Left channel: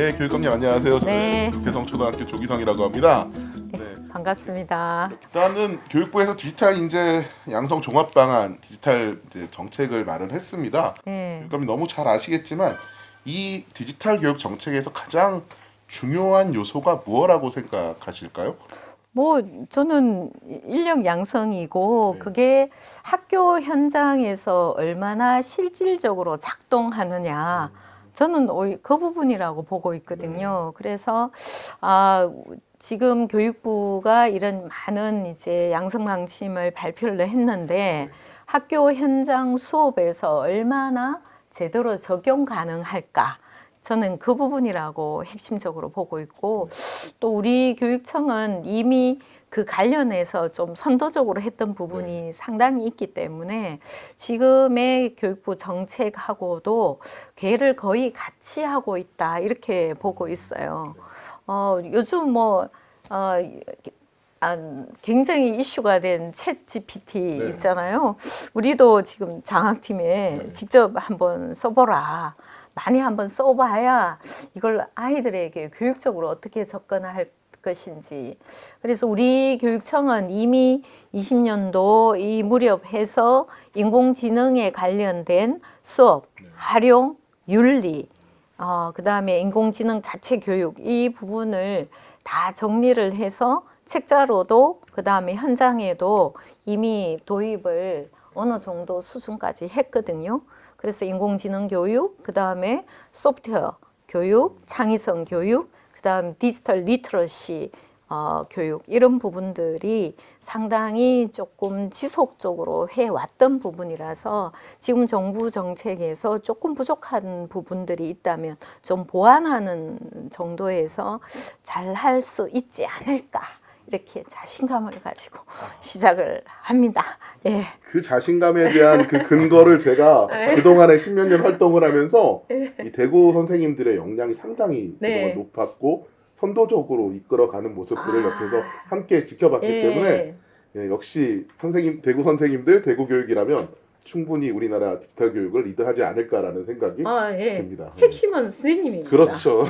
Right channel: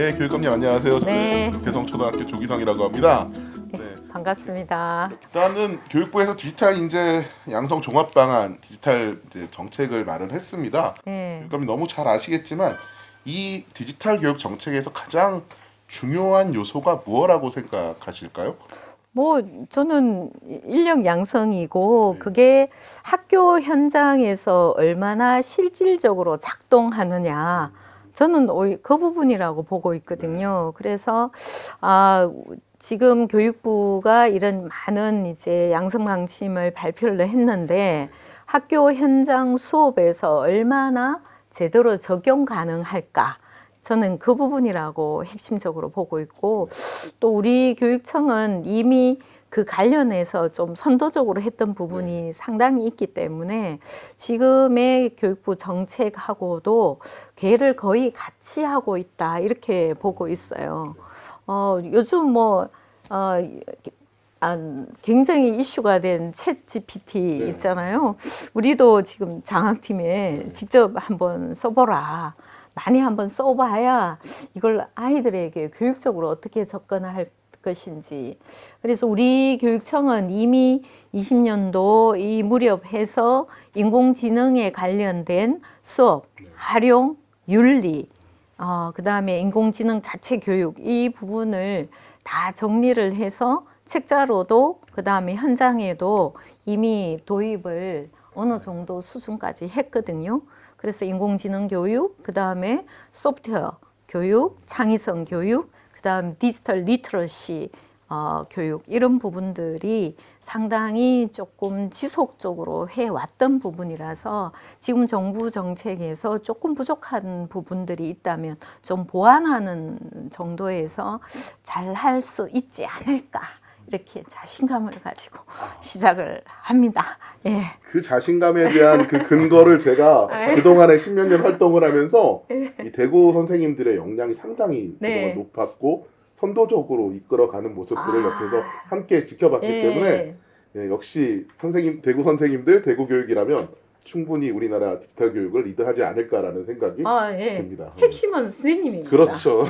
네, 교육감님 안녕하세요. 네. 저는 개성초등학교 조기성이라고 합니다. 네. 반갑습니다. 일단은 교육부에서 디지털 인재 양성 종합 방안, 디지털 이제 정책을 마련했습니다. 네. 교육감님 너무 잘 아시겠지만 이 디지털 교육 정책에서 가장 중요한 요소가 무엇이라고 생각하실까요? 뭐 저는 인력 양성이고 네. 그게 학교 현장에서 얼마나 실질적으로 작동하느냐. 저는 오히려 그 부분이라고 보고 있거든요. 그래서 지금 교육부가 이런 많은 이제 양성 방침을 발표를 했는데 학교 현장 수업에서 얼마나 제대로 적용 가능할까? 저는 그 부분이라고 핵심적으로 보고 있고, 또 우리 교육청은 이미 그 관련해서 좀 선도적으로 했던 부분이 상당히 있기 때문에 지금의 교육부 정책하고도 궤를 거의 같이 하고 있다, 이렇게 보고 있어요. 요즘 굉장히 이슈가 된 챗 GPT 있잖아요. 우리도 지금 장학팀에 직접 한번 써보라. 많이 한번 써봐야 이걸 아이들에게 교육적으로 어떻게 접근할 것인지. 그래서 우리 교육청은 이미 20년도 이 무렵해서 인공지능에 관련된 수업, 활용, 윤리, 그다음에 인공지능 자체 교육 이 부분을 다 정리를 해서 책자로도 그다음에 현장에도 이미 도입을 어느 정도 수준까지 했거든요. 그래서 인공지능 교육, 그다음에 소프트웨어 교육, 창의성 교육, 그다음 디지털 리터러시 교육 이런 부분들이 상당히 조금 지속적으로 해왔던 부분이라서 지금 정부 정책에서 조금 부족한 부분들이 있다면 좀 보완하는 정도에서 잘 할 수 있지 않을까 이렇게 자신감을 가지고 시작을 합니다. 예. 그 자신감에 대한 그 근거를 제가 그동안에 십몇 년 활동을 하면서 이 대구 선생님들의 역량이 상당히 그동안 높았고 선도적으로 이끌어가는 모습들을 옆에서 함께 지켜봤기 때문에 역시 대구 선생님들, 대구 교육이라면 충분히 우리나라 디지털 교육을 리드하지 않을까라는 생각이 듭니다. 핵심은 선생님입니다. 그렇죠.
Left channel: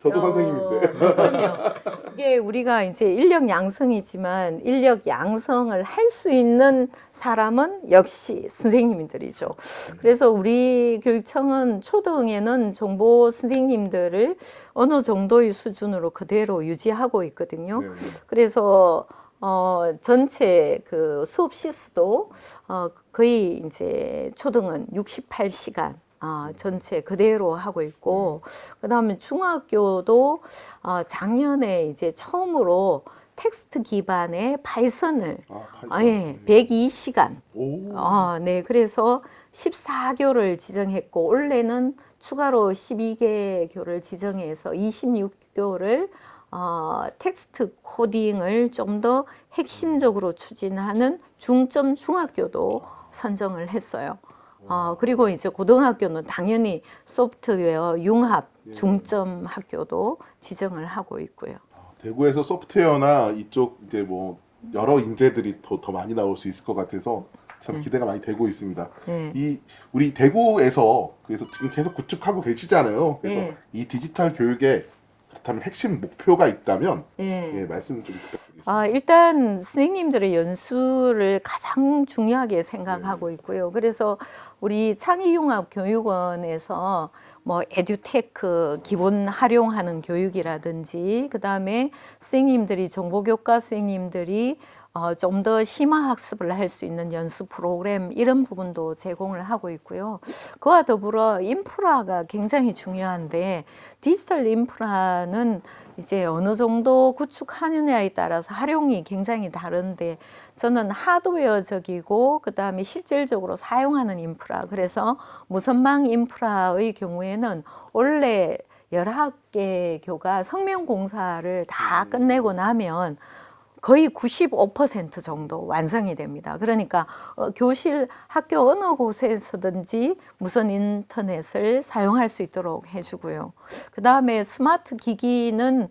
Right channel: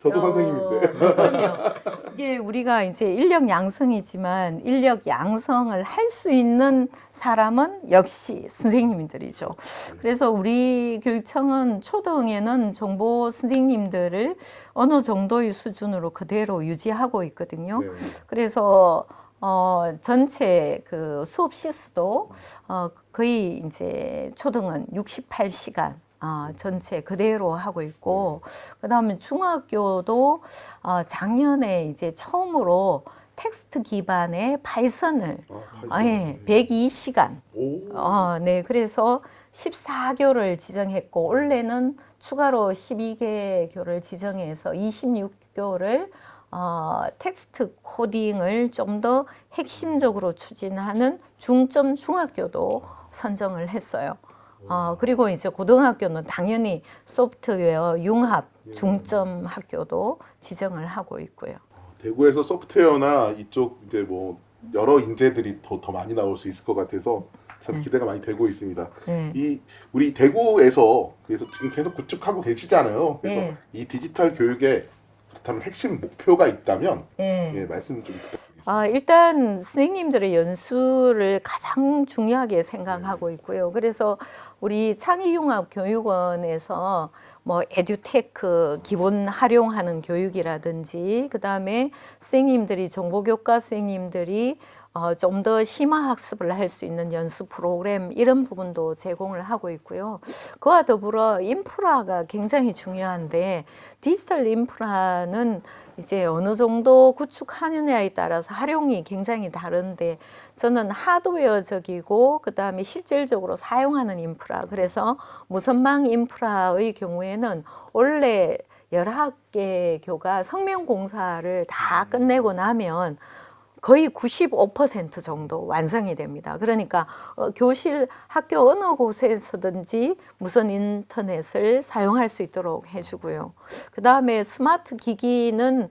저도 선생님인데. 그럼요. 이게 우리가 이제 인력 양성이지만 인력 양성을 할 수 있는 사람은 역시 선생님들이죠. 그래서 우리 교육청은 초등에는 정보 선생님들을 어느 정도의 수준으로 그대로 유지하고 있거든요. 그래서 전체 그 수업 시수도 거의 이제 초등은 68시간 전체 그대로 하고 있고, 그다음에 중학교도 작년에 이제 처음으로 텍스트 기반의 파이썬을 102시간 네, 그래서 14교를 지정했고 올해는 추가로 12개교를 지정해서 26교를 텍스트 코딩을 좀 더 핵심적으로 추진하는 중점 중학교도 선정을 했어요. 그리고 이제 고등학교는 당연히 소프트웨어 융합 중점 학교도 지정을 하고 있고요. 대구에서 소프트웨어나 이쪽 이제 뭐 여러 인재들이 더 많이 나올 수 있을 것 같아서 참 기대가 많이 되고 있습니다. 이 우리 대구에서 그래서 지금 계속 구축하고 계시잖아요. 그래서 이 디지털 교육에 그렇다면 핵심 목표가 있다면 말씀 좀 부탁드리겠습니다. 일단 선생님들의 연수를 가장 중요하게 생각하고 있고요. 그래서 우리 창의융합교육원에서 뭐 에듀테크 기본 활용하는 교육이라든지 그다음에 선생님들이 정보교과 선생님들이 좀 더 심화 학습을 할 수 있는 연수 프로그램 이런 부분도 제공을 하고 있고요. 그와 더불어 인프라가 굉장히 중요한데 디지털 인프라는 이제 어느 정도 구축하느냐에 따라서 활용이 굉장히 다른데 저는 하드웨어적이고 그다음에 실질적으로 사용하는 인프라, 그래서 무선망 인프라의 경우에는 원래 11개 교가 성명공사를 다 끝내고 나면 거의 95% 정도 완성이 됩니다. 그러니까 교실, 학교 어느 곳에서든지 무선 인터넷을 사용할 수 있도록 해주고요. 그 다음에 스마트 기기는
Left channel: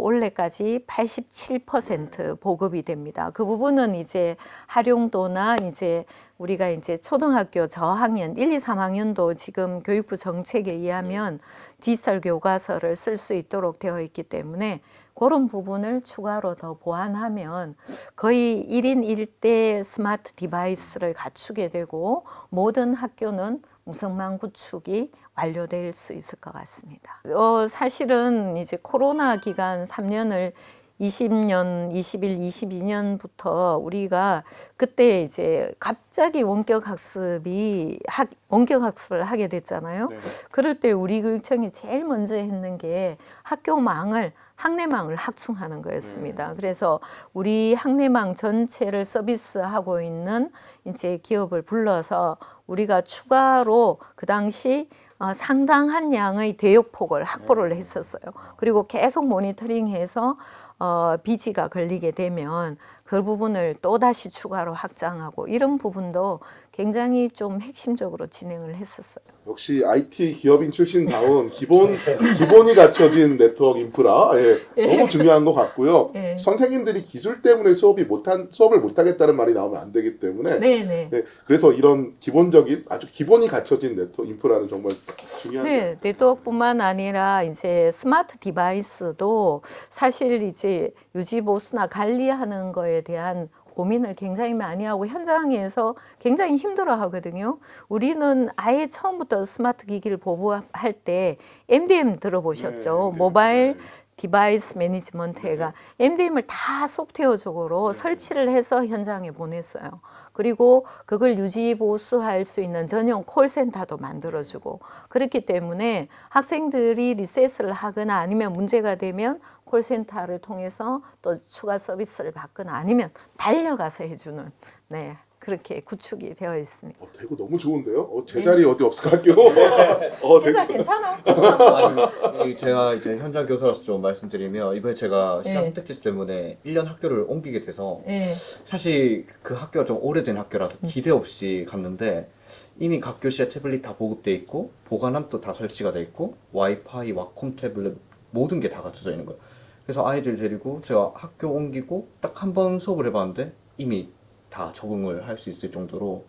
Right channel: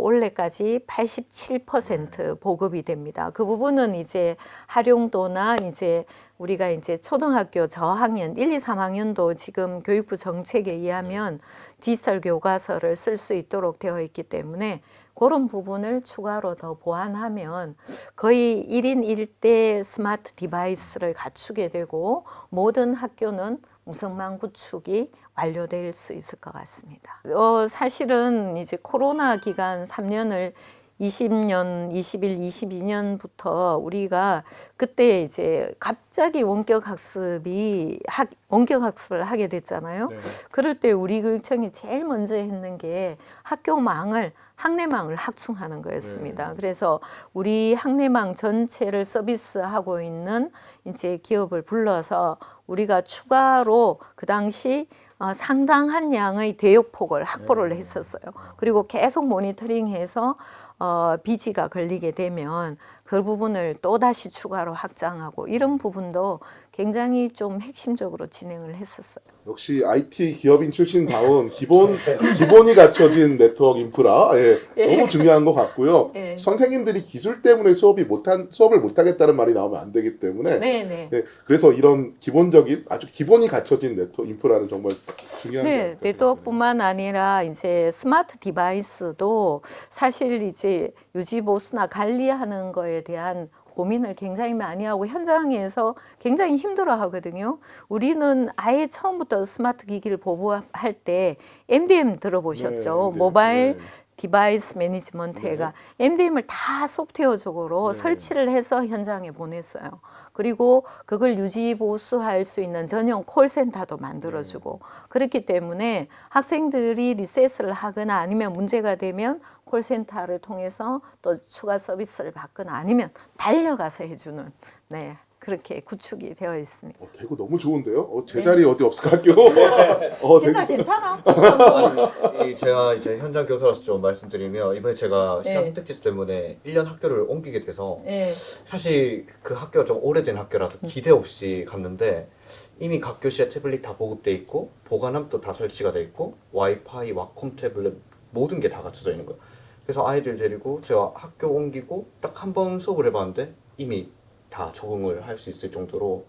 올해까지 87% 보급이 됩니다. 그 부분은 이제 활용도나 이제 우리가 이제 초등학교 저학년 1, 2, 3학년도 지금 교육부 정책에 의하면 디지털 교과서를 쓸 수 있도록 되어 있기 때문에 그런 부분을 추가로 더 보완하면 거의 1인 1대 스마트 디바이스를 갖추게 되고 모든 학교는 무선망 구축이 완료될 수 있을 것 같습니다. 사실은 이제 코로나 기간 3년을 20년, 21, 22년부터 우리가 그때 이제 갑자기 원격 학습을 하게 됐잖아요. 네. 그럴 때 우리 교육청이 제일 먼저 했는 게 학내망을 확충하는 거였습니다. 그래서 우리 학내망 전체를 서비스하고 있는 이제 기업을 불러서 우리가 추가로 그 당시 상당한 양의 대역폭을 확보를 했었어요. 그리고 계속 모니터링해서 비지가 걸리게 되면 그 부분을 또다시 추가로 확장하고 이런 부분도 굉장히 좀 핵심적으로 진행을 했었어요. 역시 IT 기업인 출신다운 기본이 갖춰진 네트워크 인프라 너무 중요한 것 같고요. 선생님들이 기술 때문에 수업을 못하겠다는 말이 나오면 안 되기 때문에 그래서 이런 기본적인 아주 기본이 갖춰진 네트워크 인프라는 정말 중요한. 네, 네트워크뿐만 아니라 이제 스마트 디바이스도 사실 이제 유지 보수나 관리하는 거에 대한 고민을 굉장히 많이 하고 현장에서 굉장히 힘들어 하거든요. 우리는 아예 처음부터 스마트 기기를 보급할 때 MDM 들어보셨죠? 모바일 디바이스 매니지먼트가 MDM을 다 소프트웨어적으로 설치를 해서 현장에 보냈어요. 그리고 그걸 유지 보수할 수 있는 전용 콜센터도 만들어주고 그렇기 때문에 학생들이 리셋을 하거나 아니면 문제가 되면 콜센터를 통해서 또 추가 서비스를 받거나 아니면 달려가서 해주는 그렇게 구축이 되어 있습니다. 대구 너무 좋은데요? 제 자리 어디 없을까 학교? 진짜 괜찮아? 아니, 제가 이제 현장 교사로서 좀 말씀드리면 이번에 제가 시간 선택지 때문에 1년 학교를 옮기게 돼서 사실 그 학교가 좀 오래된 학교라서 기대 없이 갔는데 이미 각 교실에 태블릿 다 보급돼 있고 보관함도 다 설치가 돼 있고 와이파이, 와콤 태블릿 모든 게 다 갖춰져 있는 거예요. 그래서 아이들 데리고 제가 학교 옮기고 딱 한 번 수업을 해봤는데 이미 다 적응을 할 수 있을 정도로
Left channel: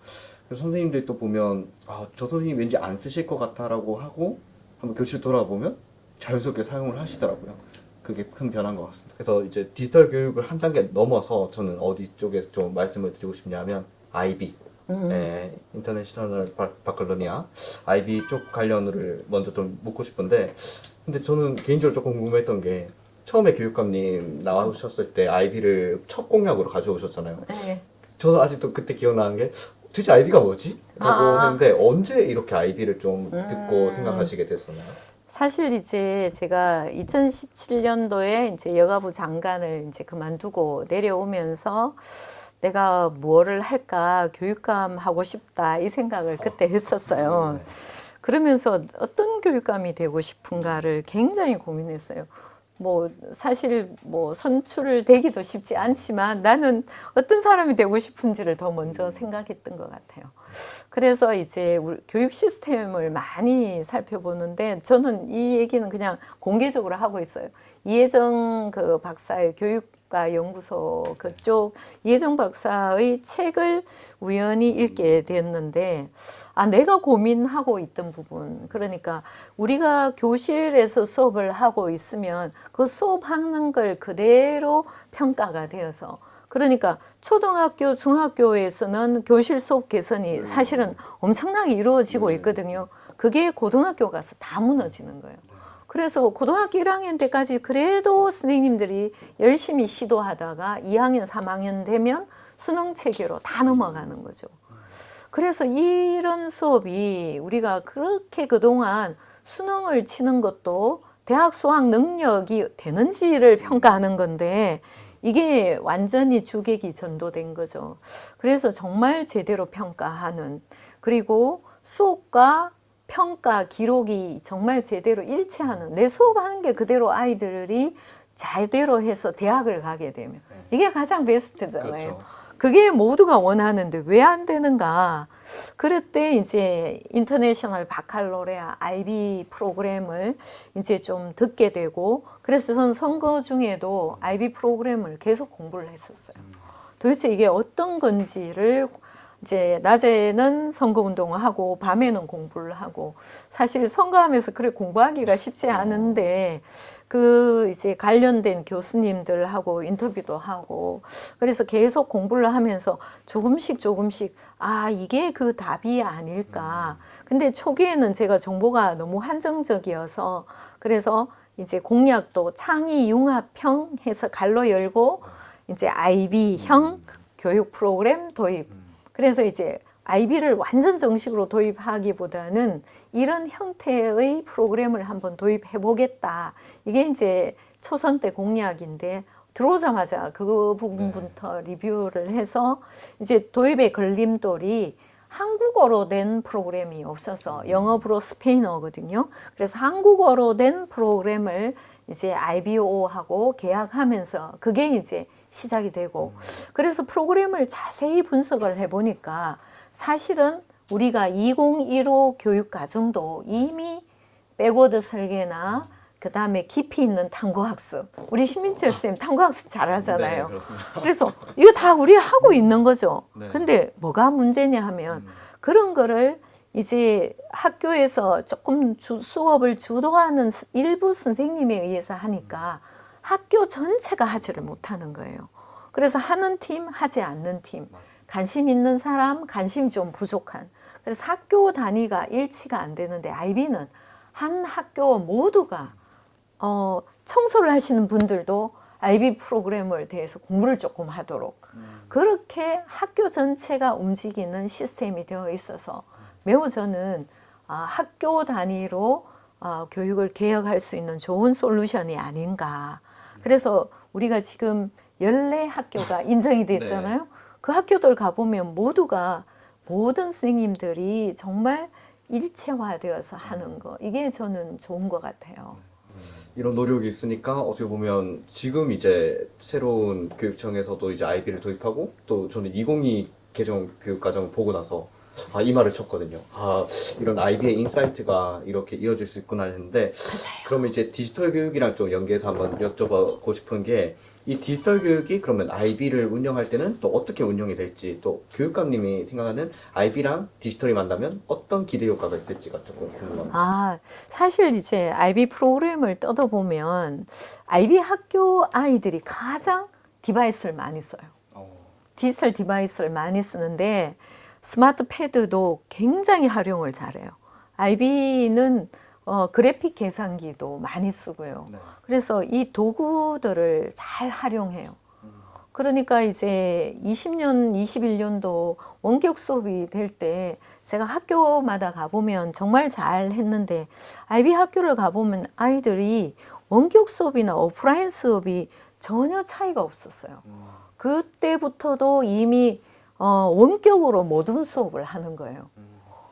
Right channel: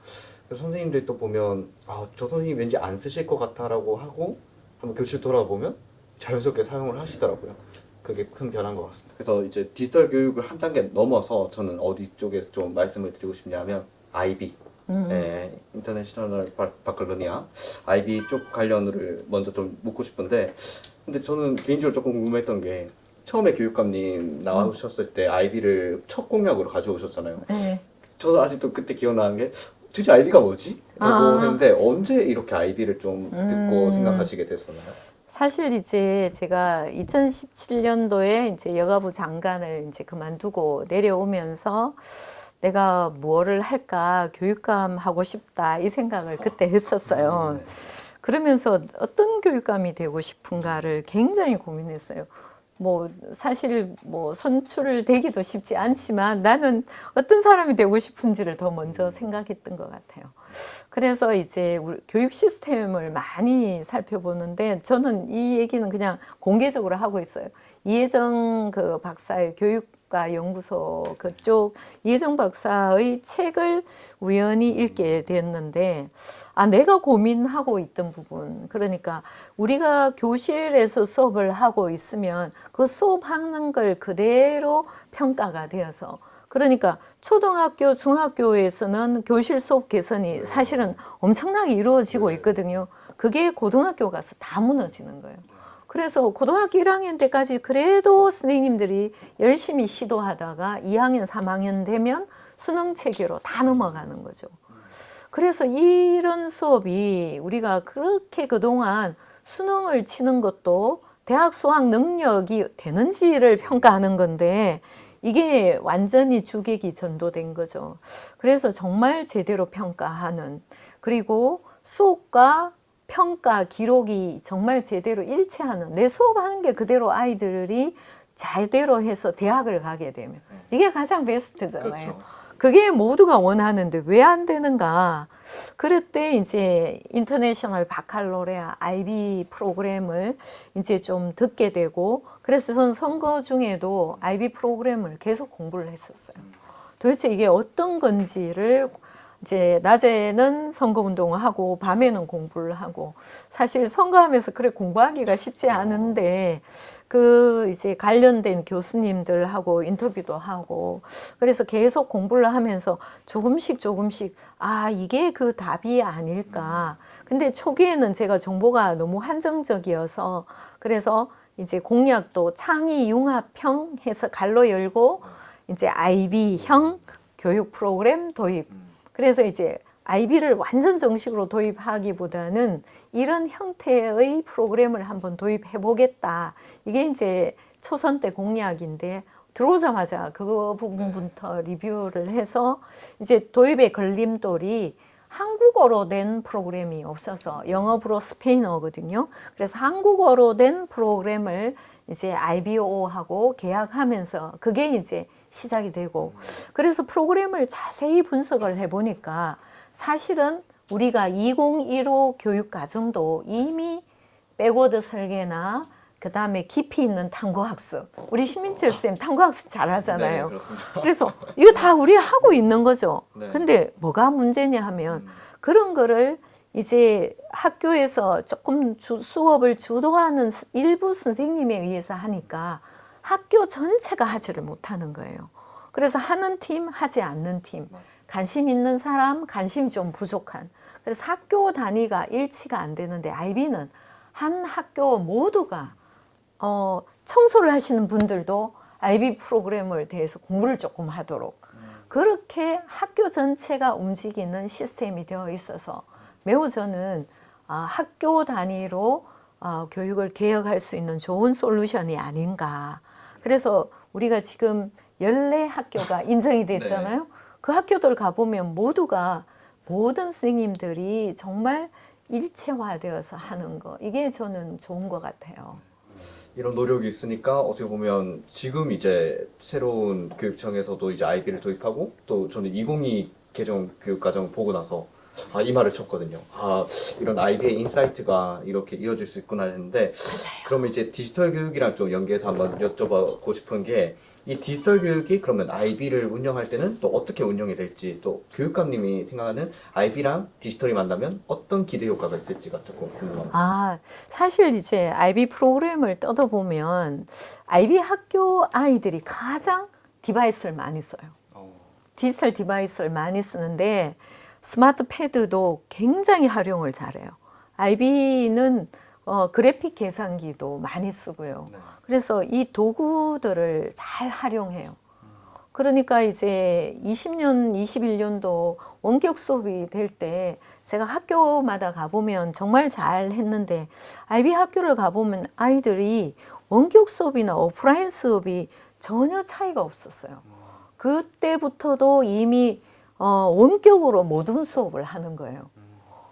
그래서 선생님들이 또 보면 저 선생님 왠지 안 쓰실 것 같아 라고 하고 한번 교실 돌아보면 자연스럽게 사용을 하시더라고요. 그게 큰 변화인 것 같습니다. 그래서 이제 디지털 교육을 한 단계 넘어서 저는 어디 쪽에서 좀 말씀을 드리고 싶냐면 IB 인터내셔널 바칼로니아 IB 쪽 관련을 먼저 좀 묻고 싶은데 근데 저는 개인적으로 조금 궁금했던 게 처음에 교육감님 나오셨을 때 IB를 첫 공약으로 가져오셨잖아요. 저는 아직도 그때 기억나는 게 도대체 IB가 뭐지? 라고 했는데 언제 이렇게 IB를 좀 듣고 생각하시게 됐었나요? 사실 이제 제가 2017년도에 이제 여가부 장관을 이제 그만두고 내려오면서 내가 뭐를 할까 교육감 하고 싶다 이 생각을 그때 했었어요. 그러면서 어떤 교육감이 되고 싶은가를 굉장히 고민했어요. 사실 선출되기도 쉽지 않지만 나는 어떤 사람이 되고 싶은지를 더 먼저 생각했던 것 같아요. 그래서 이제 우리 교육 시스템을 많이 살펴보는데 저는 이 얘기는 그냥 공개적으로 하고 있어요. 이혜정 그 박사의 교육과 연구소 그쪽 이혜정 박사의 책을 우연히 읽게 됐는데 내가 고민하고 있던 부분 그러니까 우리가 교실에서 수업을 하고 있으면 그 수업하는 걸 그대로 평가가 되어서 그러니까 초등학교, 중학교에서는 교실 수업 개선이 사실은 엄청나게 이루어지고 있거든요. 그게 고등학교 가서 다 무너지는 거예요. 그래서 고등학교 1학년 때까지 그래도 선생님들이 열심히 시도하다가 2학년, 3학년 되면 수능 체계로 다 넘어가는 거죠. 그래서 이런 수업이 우리가 그렇게 그동안 수능을 치는 것도 대학 수학 능력이 되는지를 평가하는 건데 이게 완전히 주객이 전도된 거죠. 그래서 정말 제대로 평가하는 그리고 수업과 평가 기록이 정말 제대로 일치하는 내 수업하는 게 그대로 아이들이 제대로 해서 대학을 가게 되면 이게 가장 베스트잖아요. 그렇죠. 그게 모두가 원하는데 왜 안 되는가? 그럴 때 이제 인터내셔널 바칼로레아 IB 프로그램을 이제 좀 듣게 되고, 그래서 저는 선거 중에도 IB 프로그램을 계속 공부를 했었어요. 도대체 이게 어떤 건지를 이제 낮에는 선거 운동을 하고 밤에는 공부를 하고, 사실 선거하면서 그래 공부하기가 쉽지 않은데 그 이제 관련된 교수님들하고 인터뷰도 하고, 그래서 계속 공부를 하면서 조금씩 아 이게 그 답이 아닐까. 근데 초기에는 제가 정보가 너무 한정적이어서, 그래서 이제 공약도 창의 융합형 해서 갈로 열고 이제 IB형 교육 프로그램 도입. 그래서 이제 IB를 완전 정식으로 도입하기보다는 이런 형태의 프로그램을 한번 도입해 보겠다. 이게 이제 초선 때 공약인데, 들어오자마자 그 부분부터 리뷰를 해서 이제 도입의 걸림돌이 한국어로 된 프로그램이 없어서 영어로 스페인어거든요. 그래서 한국어로 된 프로그램을 이제 IBO하고 계약하면서 그게 이제 시작이 되고, 그래서 프로그램을 자세히 분석을 해보니까 사실은 우리가 2015 교육과정도 이미 백워드 설계나 그 다음에 깊이 있는 탐구학습, 우리 신민철 쌤 탐구학습 잘하잖아요. 네, 그렇습니다. 그래서 이거 다 우리 하고 있는 거죠. 네. 근데 뭐가 문제냐 하면 그런 거를 이제 학교에서 조금 수업을 주도하는 일부 선생님에 의해서 하니까 학교 전체가 하지를 못하는 거예요. 그래서 하는 팀, 하지 않는 팀, 관심 있는 사람, 관심 좀 부족한. 그래서 학교 단위가 일치가 안 되는데, IB는 한 학교 모두가 청소를 하시는 분들도 IB 프로그램을 대해서 공부를 조금 하도록, 그렇게 학교 전체가 움직이는 시스템이 되어 있어서 매우 저는 학교 단위로 교육을 개혁할 수 있는 좋은 솔루션이 아닌가. 그래서 우리가 지금 14학교가 인정이 됐잖아요. 네. 그 학교들 가보면 모두가 모든 선생님들이 정말 일체화되어서 하는 거, 이게 저는 좋은 것 같아요. 이런 노력이 있으니까 어떻게 보면 지금 이제 새로운 교육청에서도 이제 IB를 도입하고, 또 저는 2022 개정 교육과정을 보고 나서 이 말을 쳤거든요. 이런 IB의 인사이트가 이렇게 이어질 수 있구나 했는데, 그러면 이제 디지털 교육이랑 좀 연계해서 한번 여쭤보고 싶은 게, 이 디지털 교육이 그러면 IB를 운영할 때는 또 어떻게 운영이 될지, 또 교육감님이 생각하는 IB랑 디지털이 만나면 어떤 기대 효과가 있을지가 조금 궁금합니다. 사실 이제 IB 프로그램을 뜯어보면 IB 학교 아이들이 가장 디바이스를 많이 써요. 디지털 디바이스를 많이 쓰는데 스마트 패드도 굉장히 활용을 잘해요. IB는 그래픽 계산기도 많이 쓰고요. 네. 그래서 이 도구들을 잘 활용해요. 그러니까 이제 20년, 21년도 원격 수업이 될 때 제가 학교마다 가보면 정말 잘 했는데, IB 학교를 가보면 아이들이 원격 수업이나 오프라인 수업이 전혀 차이가 없었어요. 그때부터도 이미 원격으로 모둠 수업을 하는 거예요.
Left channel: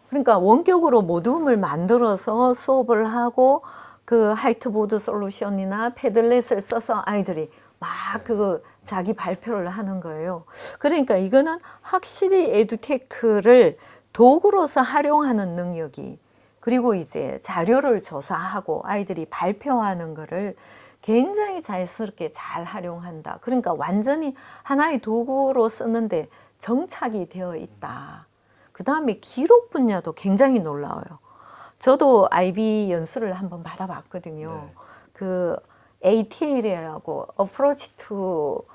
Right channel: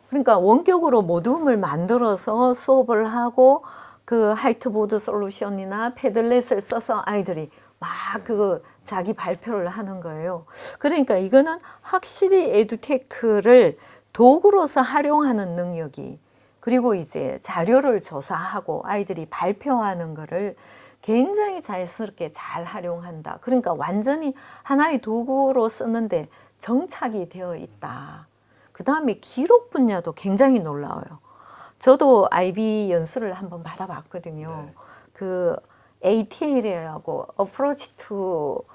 그러니까 원격으로 모둠을 만들어서 수업을 하고, 그 화이트보드 솔루션이나 패들렛을 써서 아이들이 막 그 자기 발표를 하는 거예요. 그러니까 이거는 확실히 에듀테크를 도구로서 활용하는 능력이, 그리고 이제 자료를 조사하고 아이들이 발표하는 거를 굉장히 자연스럽게 잘 활용한다. 그러니까 완전히 하나의 도구로 쓰는데 정착이 되어 있다. 그 다음에 기록 분야도 굉장히 놀라워요. 저도 IB 연수를 한번 받아봤거든요. 네. 그 ATL이라고 Approach to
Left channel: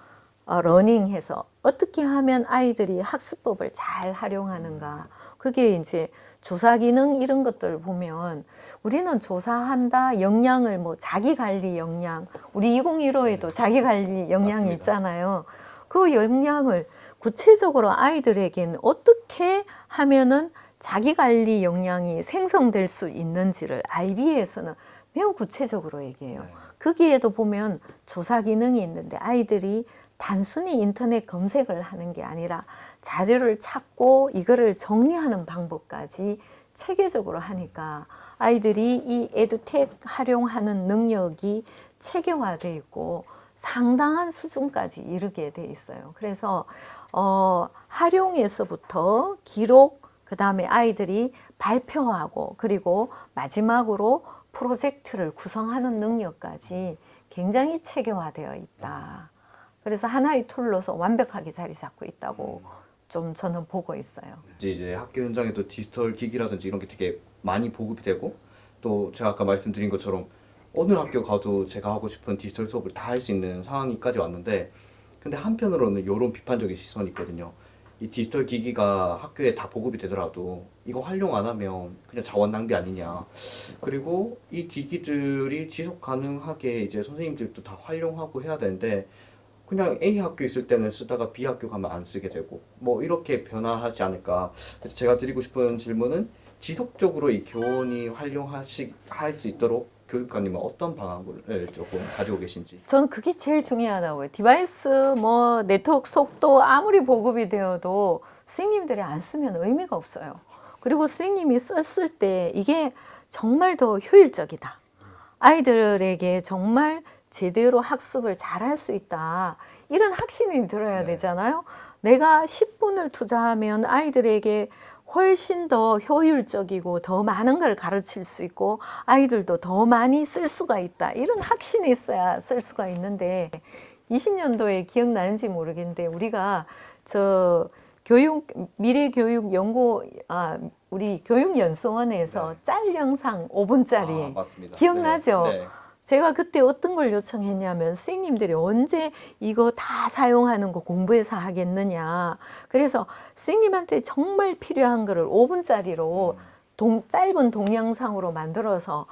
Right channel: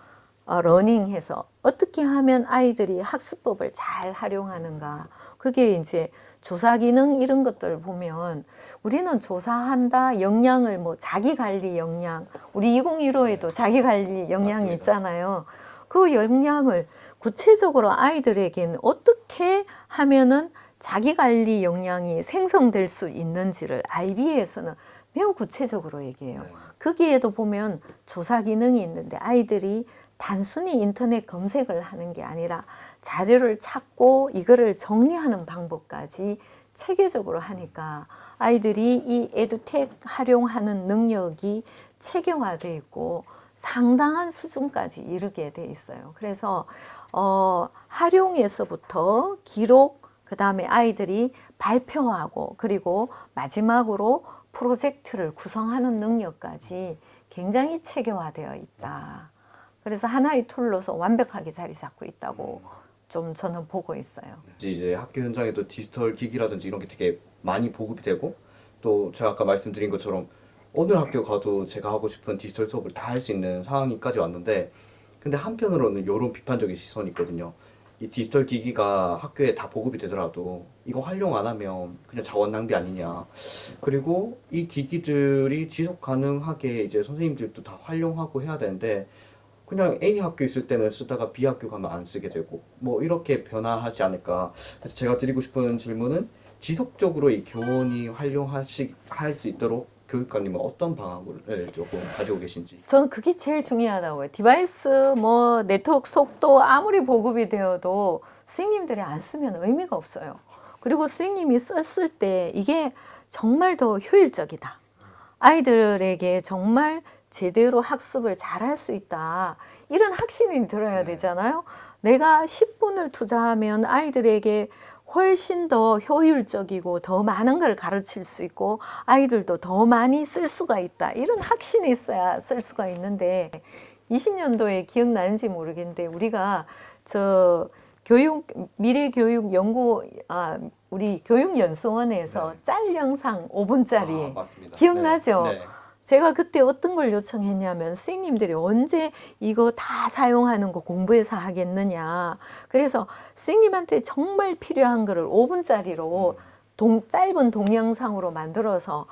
Learning 해서 어떻게 하면 아이들이 학습법을 잘 활용하는가. 그게 이제 조사 기능 이런 것들 보면 우리는 조사한다, 역량을 뭐 자기 관리 역량, 우리 2015에도 자기 관리 역량이 맞습니다. 있잖아요. 그 역량을 구체적으로 아이들에게는 어떻게 하면은 자기 관리 역량이 생성될 수 있는지를 IB에서는 매우 구체적으로 얘기해요. 네. 거기에도 보면 조사 기능이 있는데 아이들이 단순히 인터넷 검색을 하는 게 아니라 자료를 찾고 이거를 정리하는 방법까지 체계적으로 하니까 아이들이 이 에듀텍 활용하는 능력이 체계화되어 있고 상당한 수준까지 이르게 돼 있어요. 그래서 활용에서부터 기록, 그 다음에 아이들이 발표하고 그리고 마지막으로 프로젝트를 구성하는 능력까지 굉장히 체계화되어 있다. 그래서 하나의 툴로서 완벽하게 자리 잡고 있다고 좀 저는 보고 있어요. 이제 학교 현장에도 디지털 기기라든지 이런 게 되게 많이 보급이 되고, 또 제가 아까 말씀드린 것처럼 어느 학교 가도 제가 하고 싶은 디지털 수업을 다 할 수 있는 상황이까지 왔는데, 근데 한편으로는 이런 비판적인 시선이 있거든요. 이 디지털 기기가 학교에 다 보급이 되더라도 이거 활용 안 하면 그냥 자원 낭비 아니냐. 그리고 이 기기들이 지속 가능하게 이제 선생님들도 다 활용하고 해야 되는데, 그냥 A 학교 있을 때는 쓰다가 B 학교 가면 안 쓰게 되고 뭐 이렇게 변화하지 않을까. 그래서 제가 드리고 싶은 질문은, 지속적으로 이 교원이 할 수 있도록 교육관님은 어떤 방안을 조금 가지고 계신지. 저는 그게 제일 중요하다고요. 디바이스 뭐 네트워크 속도 아무리 보급이 되어도 선생님들이 안 쓰면 의미가 없어요. 그리고 선생님이 썼을 때 이게 정말 더 효율적이다. 아이들에게 정말 제대로 학습을 잘할 수 있다. 이런 확신이 들어야 되잖아요. 내가 10분을 투자하면 아이들에게 훨씬 더 효율적이고 더 많은 걸 가르칠 수 있고 아이들도 더 많이 쓸 수가 있다. 이런 확신이 있어야 쓸 수가 있는데 20년도에 기억나는지 모르겠는데 우리가 미래교육연구 우리 교육연수원에서 짤 영상 5분짜리 맞습니다. 기억나죠? 네. 제가 그때 어떤 걸 요청했냐면 선생님들이 언제 이거 다 사용하는 거 공부해서 하겠느냐. 그래서 선생님한테 정말 필요한 거를 5분짜리로 짧은 동영상으로 만들어서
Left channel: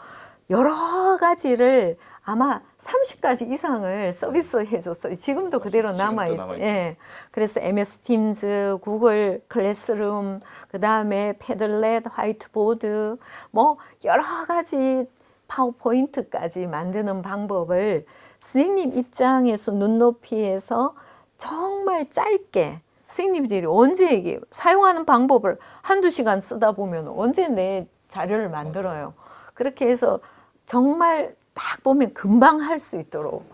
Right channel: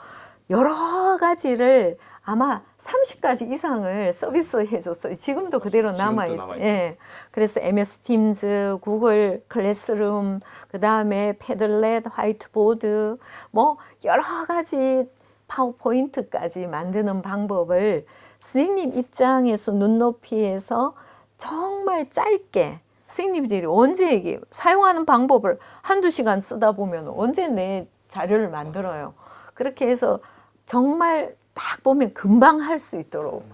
여러 가지를 아마 30가지 이상을 서비스해 줬어요. 지금도 그대로 남아있죠. 예. 그래서 MS 팀즈, 구글 클래스룸, 그 다음에 패들렛, 화이트보드, 뭐 여러 가지 파워포인트까지 만드는 방법을 선생님 입장에서 눈높이에서 정말 짧게 선생님들이 언제 이게 사용하는 방법을 한두 시간 쓰다 보면 언제 내 자료를 만들어요. 그렇게 해서 정말 딱 보면 금방 할 수 있도록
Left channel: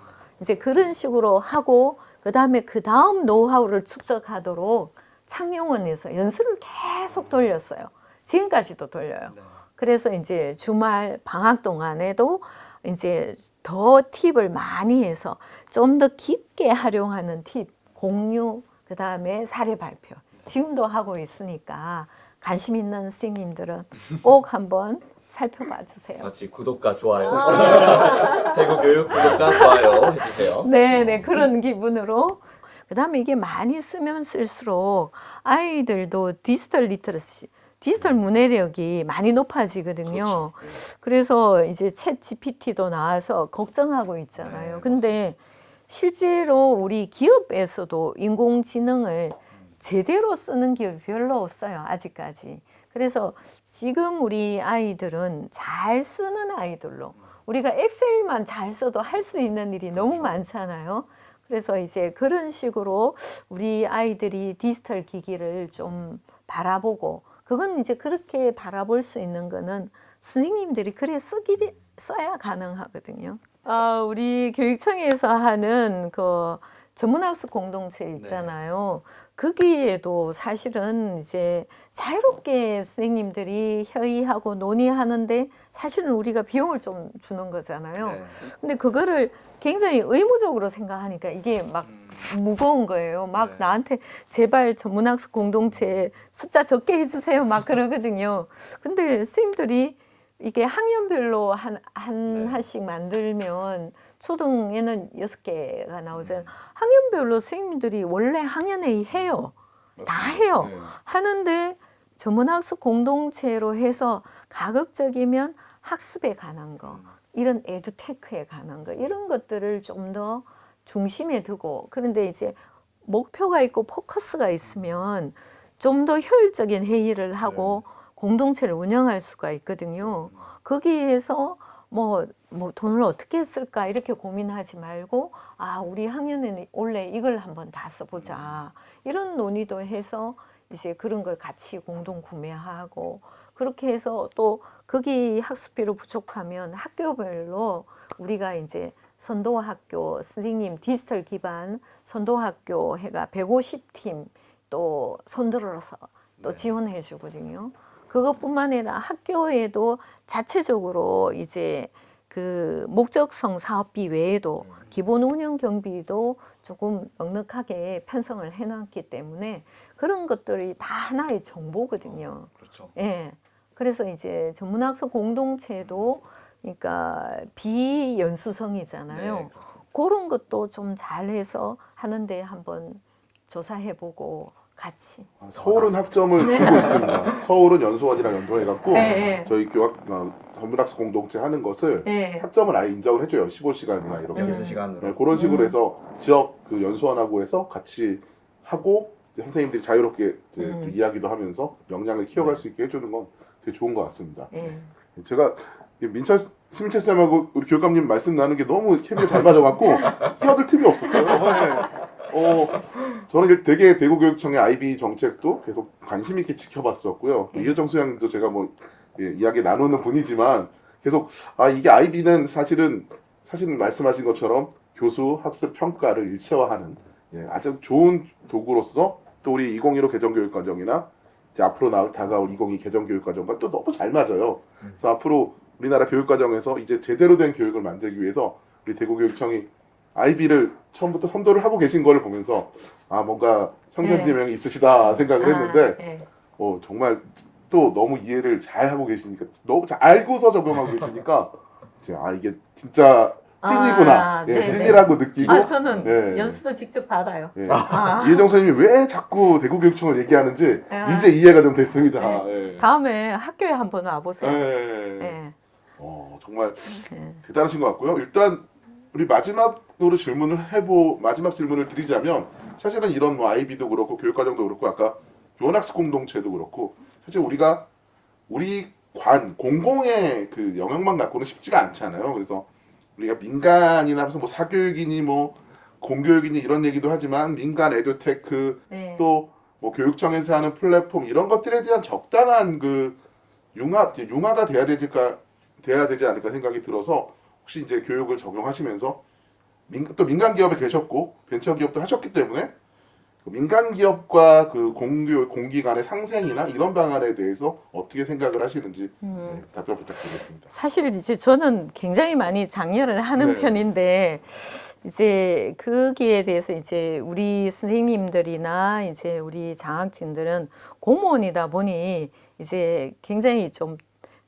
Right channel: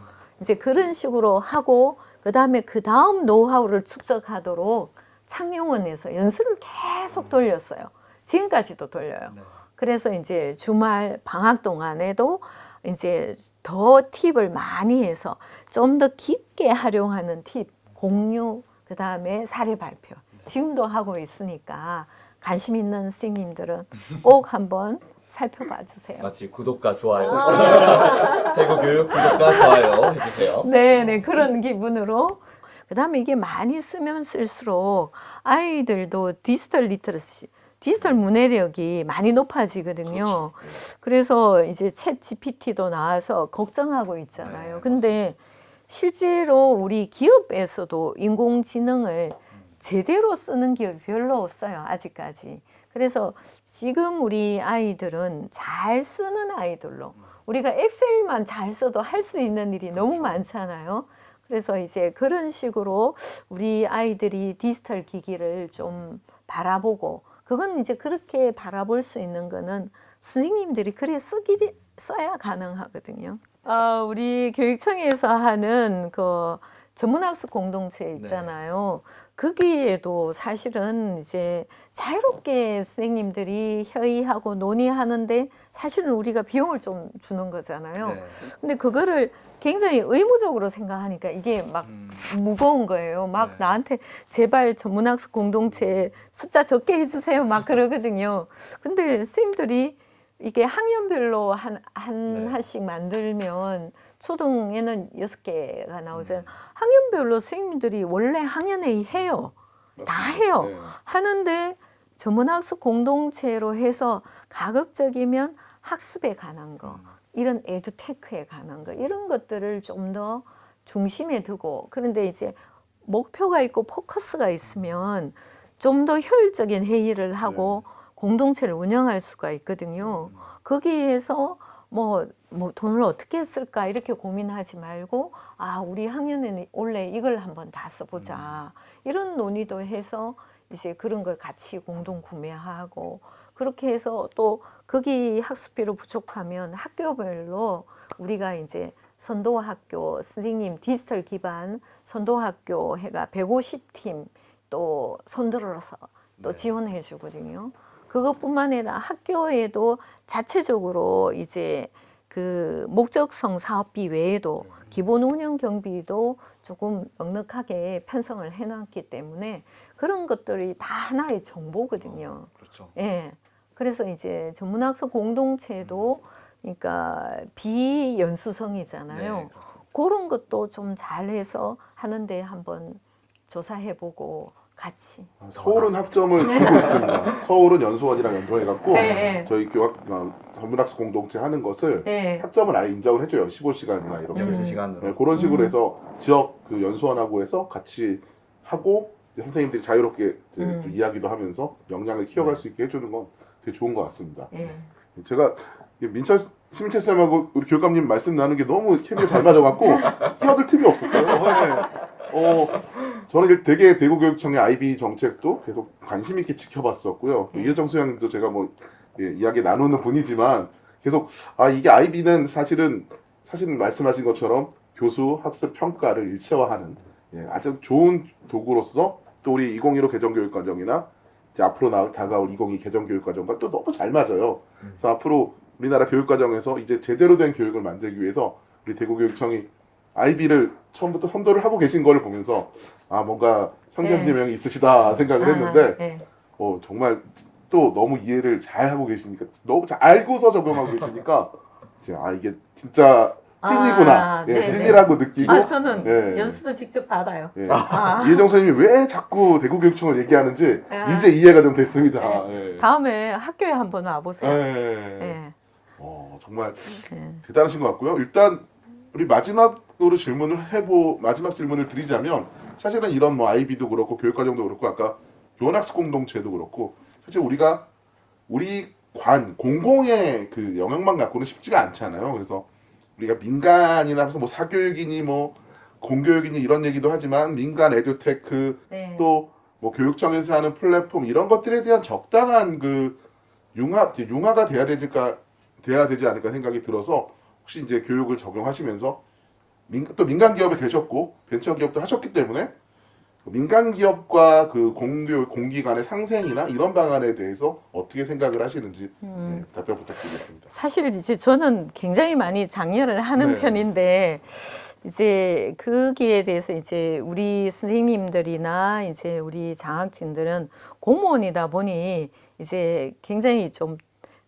이제 그런 식으로 하고 그 다음 노하우를 축적하도록 창녕원에서 연수를 계속 돌렸어요. 지금까지도 돌려요. 그래서 이제 주말 방학 동안에도 이제 더 팁을 많이 해서 좀 더 깊게 활용하는 팁, 공유, 그 다음에 사례 발표. 지금도 하고 있으니까 관심 있는 선생님들은 꼭 한번 살펴봐 주세요. 같이 구독과 좋아요. 대구교육 구독과 좋아요 해주세요. 네, 그런 기분으로. 그 다음에 이게 많이 쓰면 쓸수록 아이들도 디지털 리터러시, 디지털 문해력이 많이 높아지거든요. 그래서 이제 챗 GPT도 나와서 걱정하고 있잖아요. 근데 실제로 우리 기업에서도 인공지능을 제대로 쓰는 기업이 별로 없어요. 아직까지. 그래서 지금 우리 아이들은 잘 쓰는 아이들로 우리가 엑셀만 잘 써도 할 수 있는 일이 너무 많잖아요. 그래서 이제 그런 식으로 우리 아이들이 디지털 기기를 좀 바라보고 그건 이제 그렇게 바라볼 수 있는 거는 선생님들이 그래 써야 가능하거든요. 우리 교육청에서 하는 그 전문학습 공동체 있잖아요. 거기에도 사실은 이제 자유롭게 선생님들이 협의하고 논의하는데 사실은 우리가 비용을 좀 주는 거잖아요. 근데 그거를 굉장히 의무적으로 생각하니까 이게 막 무거운 거예요. 막 나한테 제발 전문학습 공동체 숫자 적게 해주세요. 막 그러거든요. 근데 선생님들이 이게 학년별로 하나씩 만들면 초등에는 6개가 나오잖아요. 학년별로 선생님들이 원래 학년회의 해요. 다 해요. 하는데 전문학습 공동체로 해서 가급적이면 학습에 관한 거, 이런 에듀테크에 관한 거, 이런 것들을 좀 더 중심에 두고, 그런데 이제 목표가 있고 포커스가 있으면 좀 더 효율적인 회의를 하고 공동체를 운영할 수가 있거든요. 거기에서 뭐 돈을 어떻게 쓸까 이렇게 고민하지 말고 우리 학년에는 원래 이걸 한번 다 써보자 이런 논의도 해서 이제 그런 걸 같이 공동 구매하고 그렇게 해서 또 거기 학습비로 부족하면 학교별로 우리가 이제 선도학교 선생님 디지털 기반 선도학교 해가 150팀 또 손들어서 또 네. 지원해 주거든요. 그것뿐만 아니라 학교에도 자체적으로 이제 그 목적성 사업비 외에도 기본 운영 경비도 조금 넉넉하게 편성을 해놨기 때문에 그런 것들이 다 하나의 정보거든요. 그렇죠. 예. 그래서 이제 전문학습 공동체도 그러니까 비연수성이잖아요. 네, 그렇습니다. 그런 것도 좀 잘해서 하는데 한번 조사해보고 같이. 서울은 학점을 주고 있습니다. 서울은 연수원이랑 연동해갖고 네. 저희 전문학습 공동체 하는 것을 네. 학점을 아예 인정을 해줘요. 15시간이나 이렇게. 여기서 시간으로. 네, 그런 식으로 해서 지역 그 연수원하고 해서 같이 하고 이제 선생님들이 자유롭게 이제 또 이야기도 하면서 역량을 키워갈 수 있게 해주는 건 되게 좋은 것 같습니다. 예. 제가 민철 심민철 쌤하고 우리 교육감님 말씀 나누는 게 너무 케미가 잘 맞아갖고 끼어들 틈이 없었어요. 네. 저는 되게 대구교육청의 IB 정책도 계속 관심 있게 지켜봤었고요. 이효정 소장님도 제가 뭐 이야기 나누는 분이지만 계속 이게 IB는 사실 말씀하신 것처럼 교수 학습 평가를 일체화하는 아주 좋은 도구로서 또 우리 2015 개정교육과정이나 이제 앞으로 다가올 2022 개정교육과정과 또 너무 잘 맞아요. 그래서 앞으로 우리나라 교육과정에서 이제 제대로 된 교육을 만들기 위해서 우리 대구교육청이 IB를 처음부터 선도를 하고 계신 거를 보면서 뭔가 성견지명이 있으시다 생각을 했는데 예. 정말 또 너무 이해를 잘 하고 계시니까 너무 잘 알고서 적용하고 계시니까 이게 진짜 찐이구나. 네, 찐이라고 느끼고 저는 네. 연수도 직접 받아요. 이혜정 선생님이 왜 자꾸 대구교육청을 얘기하는지 이제 이해가 좀 됐습니다. 다음에 학교에 한번 와보세요. 네. 정말 대단하신 것 같고요. 일단 우리 마지막 질문을 드리자면 사실은 이런 뭐 IB도 그렇고 교육과정도 그렇고 아까 교원학습 공동체도 그렇고 사실 우리가 우리 공공의 그 영역만 갖고는 쉽지가 않잖아요. 그래서 우리가 민간이나 무슨 뭐 사교육이니 뭐 공교육이니 이런 얘기도 하지만 민간 에듀테크 또 뭐 교육청에서 하는 플랫폼 이런 것들에 대한 적당한 그 융화가 돼야 되지 않을까 생각이 들어서 혹시 이제 교육을 적용하시면서 또 민간 기업에 계셨고 벤처 기업도 하셨기 때문에 민간 기업과 그 공기 간의 상생이나 이런 방안에 대해서 어떻게 생각을 하시는지 답변 부탁드리겠습니다. 사실 이제 저는 굉장히 많이 장려를 하는 편인데 이제 거기에 대해서 이제 우리 선생님들이나 이제 우리 장학진들은 공무원이다 보니 이제 굉장히 좀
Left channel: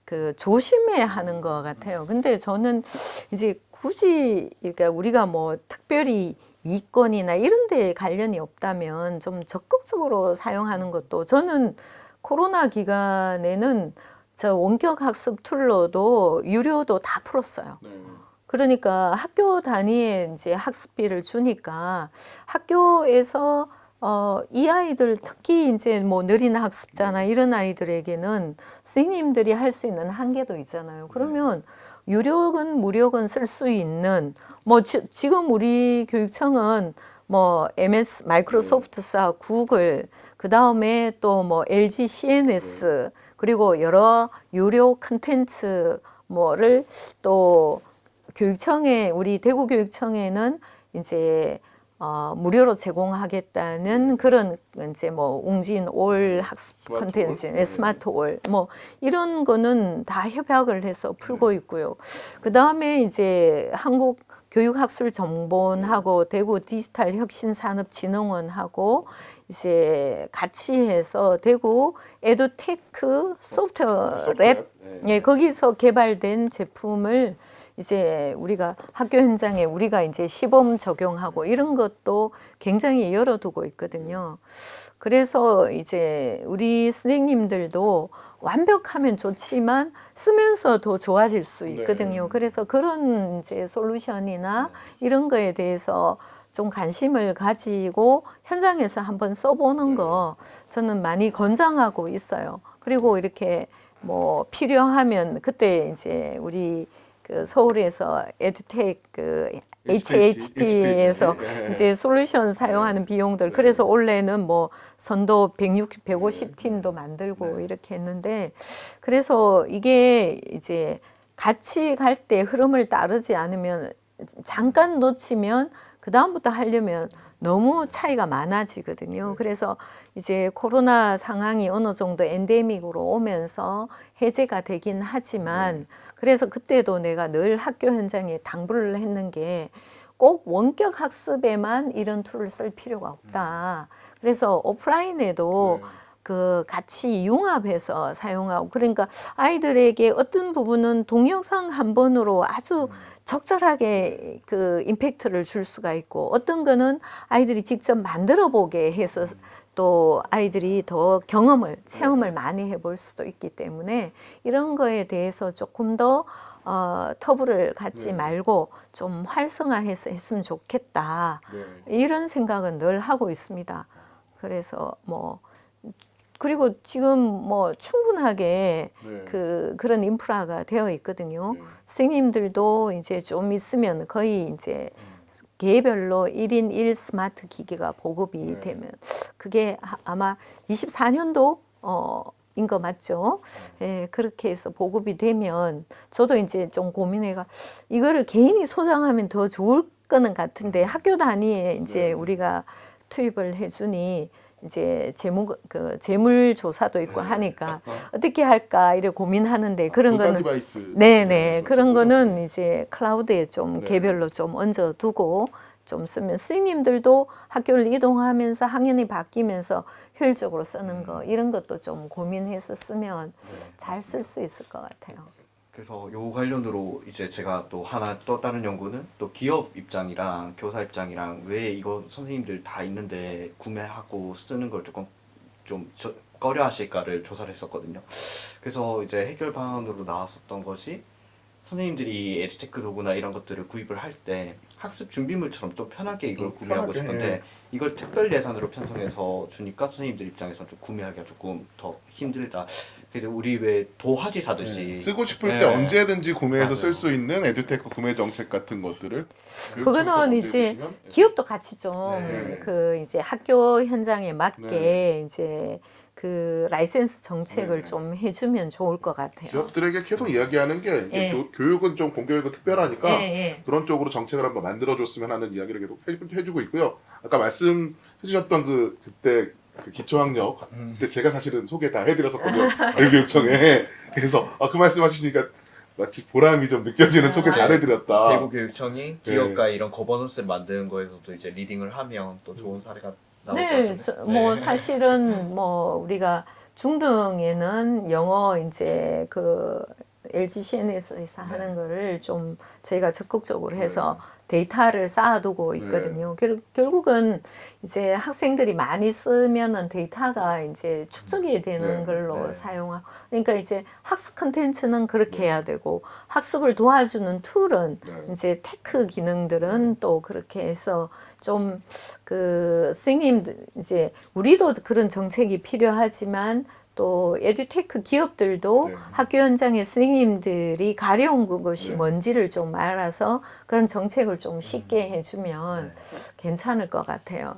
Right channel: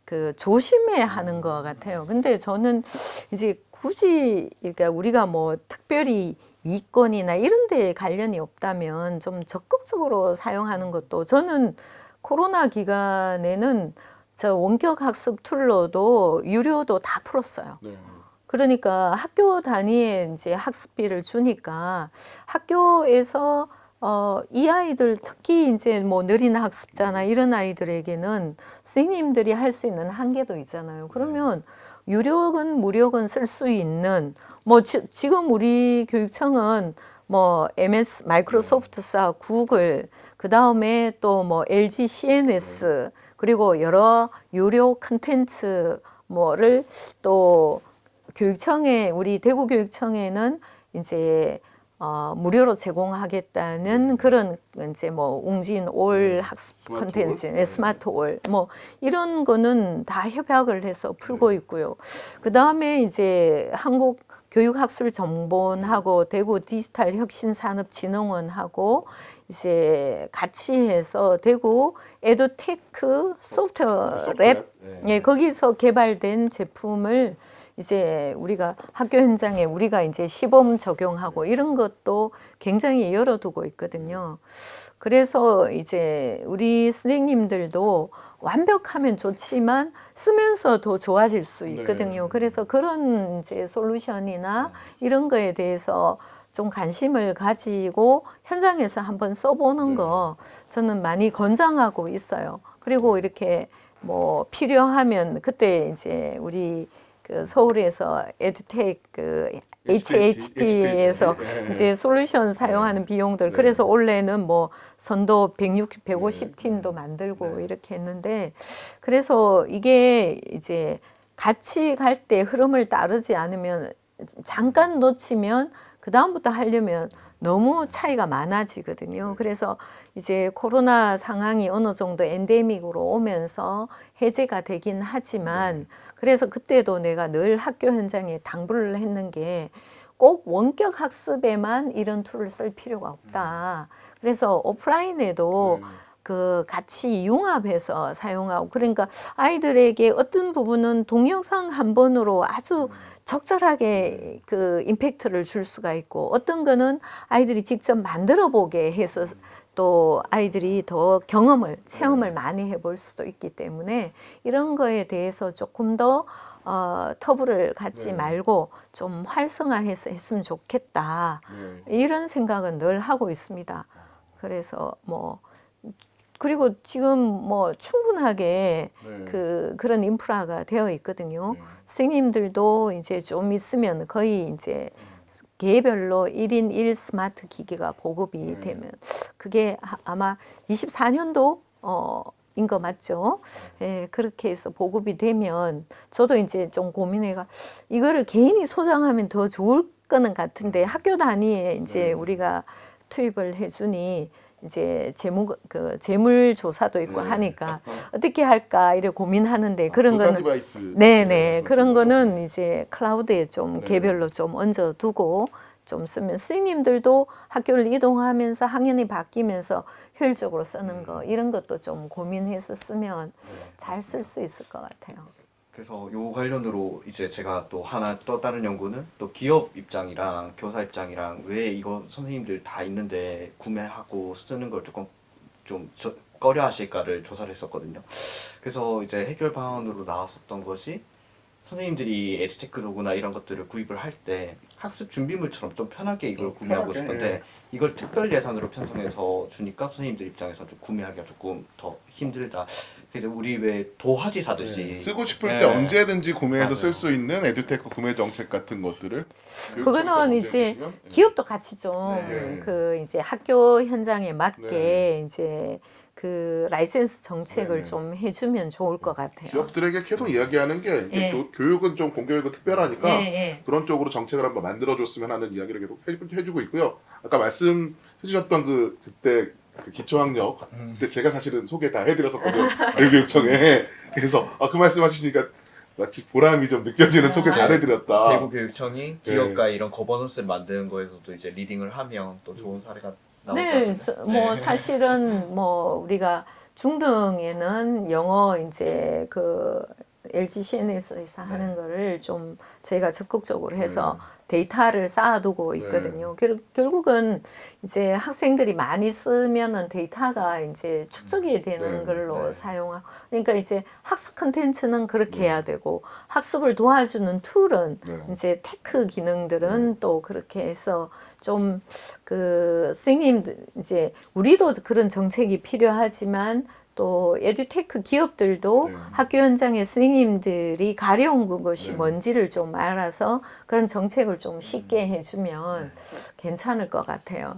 그 조심해야 하는 것 같아요. 근데 저는 이제 굳이 그러니까 우리가 뭐 특별히 이권이나 이런 데에 관련이 없다면 좀 적극적으로 사용하는 것도 저는 코로나 기간에는 저 원격 학습 툴로도 유료도 다 풀었어요. 그러니까 학교 단위의 이제 학습비를 주니까 학교에서 이 아이들 특히 이제 뭐 느린 학습자나 이런 아이들에게는 선생님들이 할 수 있는 한계도 있잖아요. 그러면 유료건 무료건 쓸 수 있는 뭐 지금 우리 교육청은 뭐 MS 마이크로소프트사 구글 그 다음에 또 뭐 LG CNS 그리고 여러 유료 컨텐츠 뭐를 또 교육청에 우리 대구교육청에는 이제 무료로 제공하겠다는 그런 이제 뭐 웅진 올 학습 콘텐츠, 스마트 올 뭐 이런 거는 다 협약을 해서 풀고 있고요. 그 다음에 이제 한국 교육학술정보원하고 대구 디지털 혁신산업진흥원하고 이제 같이 해서 대구 에듀테크 소프트웨어 랩 거기서 개발된 제품을 이제 우리가 학교 현장에 우리가 이제 시범 적용하고 이런 것도 굉장히 열어두고 있거든요. 그래서 이제 우리 선생님들도 완벽하면 좋지만 쓰면서 더 좋아질 수 있거든요. 그래서 그런 이제 솔루션이나 이런 거에 대해서 좀 관심을 가지고 현장에서 한번 써보는 거 저는 많이 권장하고 있어요. 그리고 이렇게 뭐 필요하면 그때 이제 우리 그 서울에서 에듀텍 그 HHT에서 이제 솔루션 사용하는 비용들 그래서 올해는 뭐 선도 150팀도 만들고 이렇게 했는데 그래서 이게 이제 같이 갈 때 흐름을 따르지 않으면 잠깐 놓치면 그 다음부터 하려면 너무 차이가 많아지거든요. 그래서 이제 코로나 상황이 어느 정도 엔데믹으로 오면서 해제가 되긴 하지만 그래서 그때도 내가 늘 학교 현장에 당부를 했는 게 꼭 원격 학습에만 이런 툴을 쓸 필요가 없다. 그래서 오프라인에도 그 같이 융합해서 사용하고 그러니까 아이들에게 어떤 부분은 동영상 한 번으로 아주 적절하게 그 임팩트를 줄 수가 있고 어떤 거는 아이들이 직접 만들어 보게 해서 또 아이들이 더 체험을 많이 해볼 수도 있기 때문에 이런 거에 대해서 조금 더 터부를 갖지 말고 좀 활성화해서 했으면 좋겠다. 이런 생각은 늘 하고 있습니다. 그래서 그리고 지금 충분하게 그런 인프라가 되어 있거든요. 선생님들도 이제 좀 있으면 거의 이제 개별로 1인 1 스마트 기기가 보급이 되면 그게 아마 24년도 인 거 맞죠? 예, 그렇게 해서 보급이 되면 저도 이제 좀 고민해가 이거를 개인이 소장하면 더 좋을 거는 같은데 학교 단위에 이제 우리가 투입을 해주니 이제 재물 조사도 있고 하니까 어떻게 할까 이래 고민하는데 그런 거는 디바이스. 네네 그런 거는 이제 클라우드에 좀 개별로 좀 얹어두고 좀 쓰면 선생님들도 학교를 이동하면서 학년이 바뀌면서 효율적으로 쓰는 거 이런 것도 좀 고민해서 쓰면 잘 쓸 수 있을 것 같아요. 그래서 요 관련으로 이제 제가 또 다른 연구는 또 기업 입장이랑 교사 입장이랑 왜 이거 선생님들 다 있는데 구매하고 쓰는 걸 조금 좀 꺼려 하실까를 조사를 했었거든요. 그래서 이제 해결 방안으로 나왔었던 것이 선생님들이 에듀테크 도구나 이런 것들을 구입을 할 때 학습 준비물처럼 좀 편하게 이걸 구매하고 싶은데 이걸 특별 예산으로 편성해서 주니까 선생님들 입장에서 좀 구매하기가 조금 더 힘들다. 그래서 우리 왜 도화지 사듯이 쓰고 싶을 때 언제든지 구매해서 쓸 수 있는 에듀테크 구매 정책 같은 것들을 그거는 이제 기업도 같이 좀 그 이제 학교 현장에 맞게 이제 그 라이센스 정책을 좀 해주면 좋을 것 같아요. 기업들에게 계속 이야기하는 게 이게 교육은 좀 공교육은 특별하니까 그런 쪽으로 정책을 한번 만들어줬으면 하는 이야기를 계속 해주고 있고요. 아까 말씀해주셨던 그때 그 기초학력 그때 제가 사실은 소개 다 해드렸었거든요. 교육청에. 그래서 그 말씀하시니까 마치 보람이 좀 느껴지는 소개 잘해드렸다. 대구교육청이 기업가 이런 거버넌스를 만드는 거에서도 이제 리딩을 하면 또 좋은 사례가 네, 사실은 우리가 중등에는 영어 이제 그 LG CNS에서 하는 거를 좀 저희가 적극적으로 해서 데이터를 쌓아두고 있거든요. 결국은 이제 학생들이 많이 쓰면은 데이터가 이제 축적이 되는 걸로 사용하고, 그러니까 이제 학습 콘텐츠는 그렇게 해야 되고, 학습을 도와주는 툴은 이제 테크 기능들은 또 그렇게 해서 좀 그 선생님들 이제 우리도 그런 정책이 필요하지만 또 에듀테크 기업들도 학교 현장의 선생님들이 가려운 것이 뭔지를 좀 알아서 그런 정책을 좀 쉽게 해주면 괜찮을 것 같아요.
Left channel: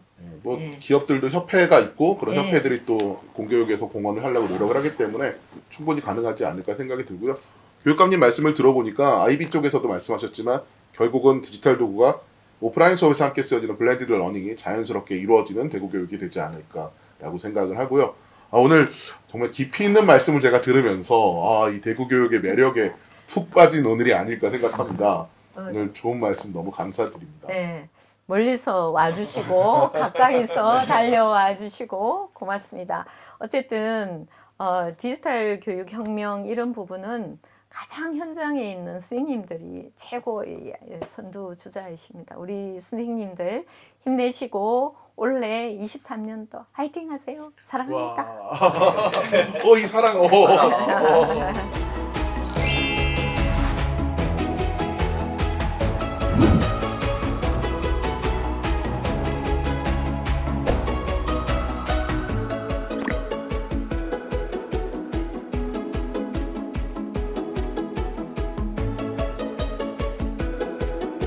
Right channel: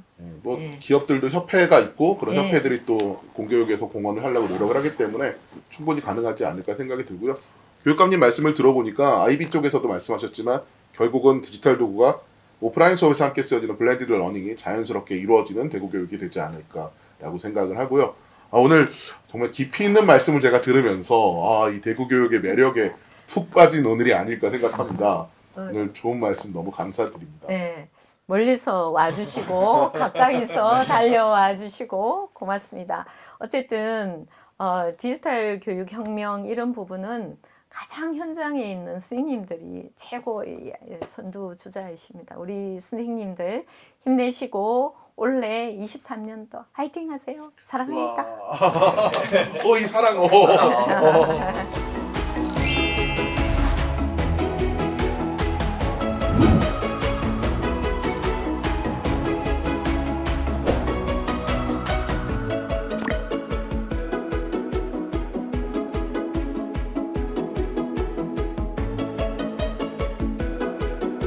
기업들도 협회가 있고 그런 협회들이 또 공교육에서 공헌을 하려고 노력을 하기 때문에 충분히 가능하지 않을까 생각이 들고요. 교육감님 말씀을 들어보니까 IB 쪽에서도 말씀하셨지만 결국은 디지털 도구가 오프라인 수업에서 함께 쓰여지는 블렌디드 러닝이 자연스럽게 이루어지는 대구 교육이 되지 않을까라고 생각을 하고요. 오늘 정말 깊이 있는 말씀을 제가 들으면서 이 대구 교육의 매력에 푹 빠진 오늘이 아닐까 생각합니다. 오늘 좋은 말씀 너무 감사드립니다. 네, 멀리서 와주시고 가까이서 달려와 주시고 고맙습니다. 어쨌든 디지털 교육 혁명 이런 부분은 가장 현장에 있는 선생님들이 최고의 선두주자이십니다. 우리 선생님들 힘내시고 올해 23년도 화이팅 하세요. 사랑합니다. 이 사랑.